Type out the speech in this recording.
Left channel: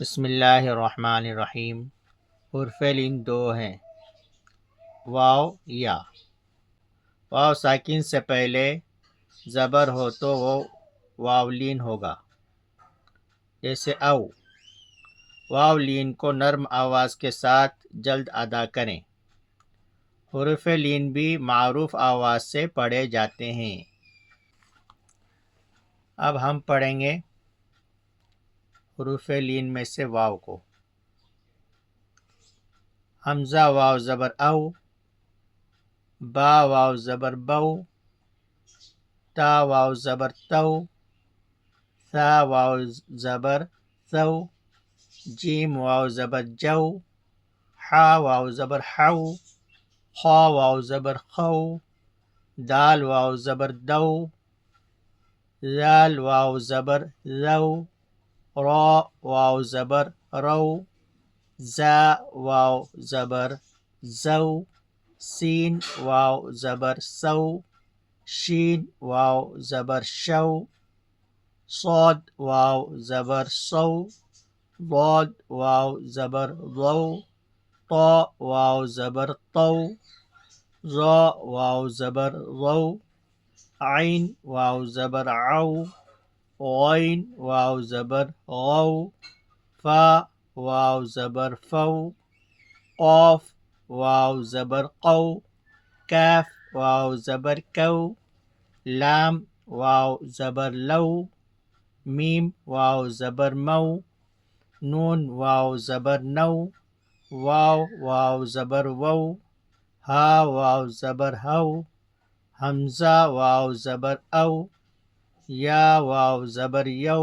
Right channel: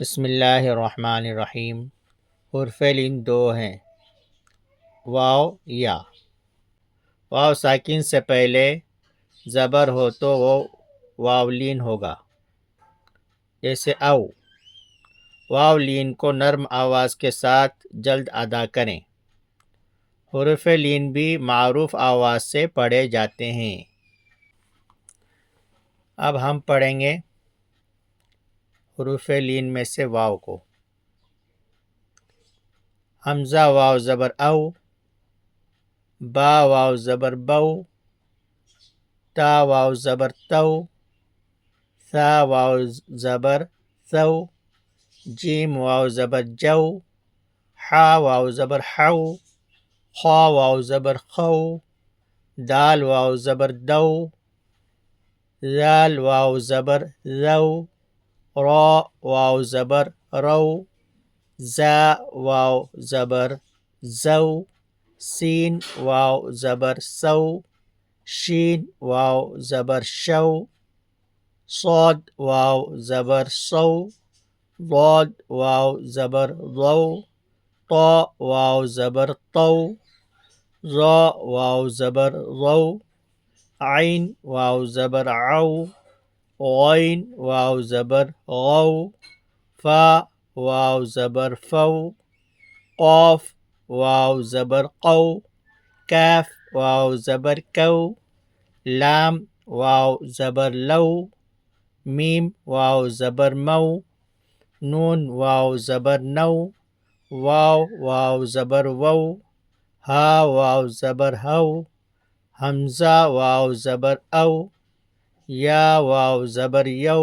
بسم اللہ الرحمن الرحیم۔ حرف لین دو ہیں، واو یا۔ واو ساکن سے پہلے زبر ہو تو وہ واولین ہوگا، جیسے او۔ واولین کو نرم آواز کے ساتھ جلد ادا کریں۔ حرف لین بھی معروف آواز سے پڑھے جاتے ہیں۔ اب ہم پڑھیں گے حروف لین میں سے واو کو۔ حمزہ واو زبر او، با واو زبر بو، تا واو زبر تو، ثا واو زبر ثو، جیم واو زبر جو، حا واو زبر حو، خا واو زبر خو، دال واو زبر دو، ذال واو زبر ذو، را واو زبر رو، زا واو زبر زو، سین واو زبر سو، شین واو زبر شو، صاد واو زبر صو، ضاد واو زبر ضو، طا واو زبر طو، ظا واو زبر ظو، عین واو زبر عو، غین واو زبر غو، فا واو زبر فو، قاف واو زبر قو، کاف واو زبر کو، لام واو زبر لو، میم واو زبر مو، نون واو زبر نو، واو واو زبر وو، ہا واو زبر ہو، حمزہ واو زبر او، یا واو زبر یو،